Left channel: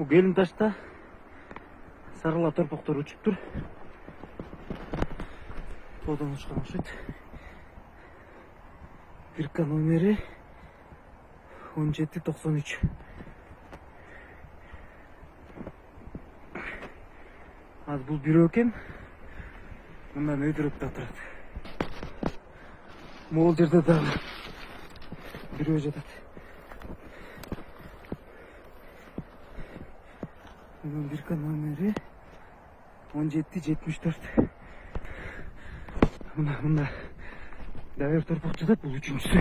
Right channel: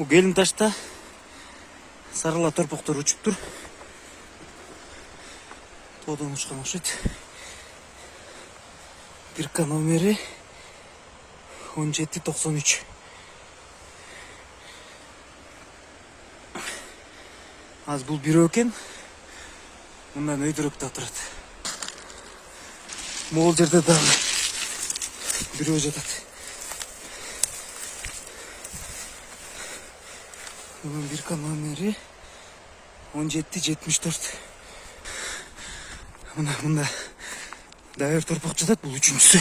Bu Келин ташта сарыла торпоктор учуп тур. Тоодон учкан окшойт. Бирка номери 1793. Az бул бирөө экен. Мындан өйдөрөөк да турат. Могул жерде дагы бирөө жатат. Bunun bir номери 1774. Munda дайыр торпак жатат, бул үчүнчүсү.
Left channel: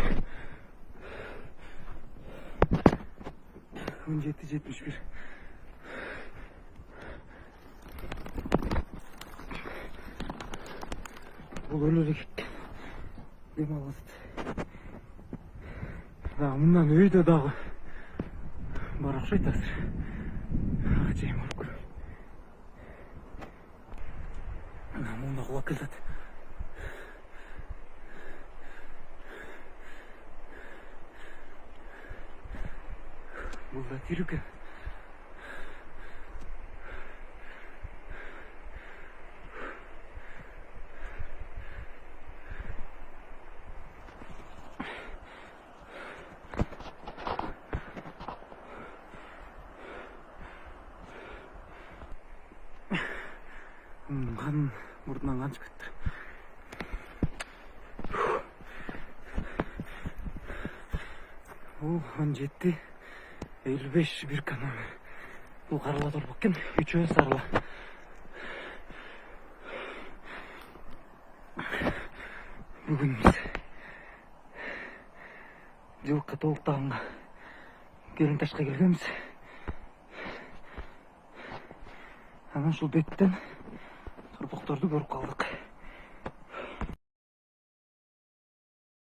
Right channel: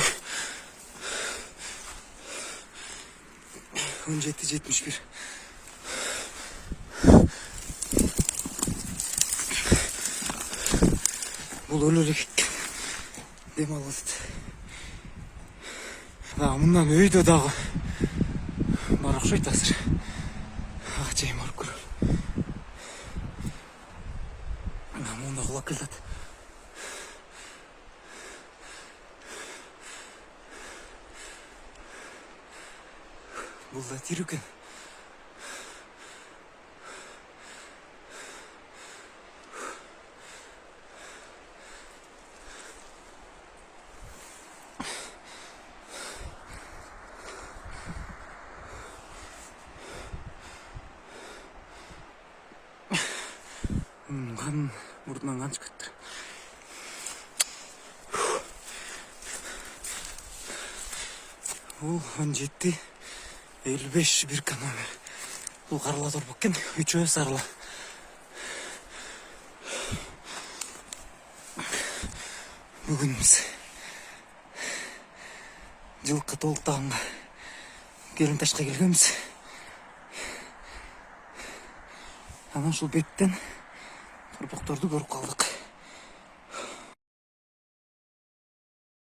1771. Бул өлөлүк дем алат. Да, мындан өйдө дагы бар окшойт азыр. Акчайым алып көрөлү. Мында кулап келет. Бул да тирүү экен. Қан мұртынан қан шығып кетті. Ол 1755 бирка номер. Бұл қарыла торпақ екен, үчөө сарыла. Бүгін біз жылқы толықтағанға Келин ташқа келгенбіз. Анан шул беттен торпокторду көрүп калдык.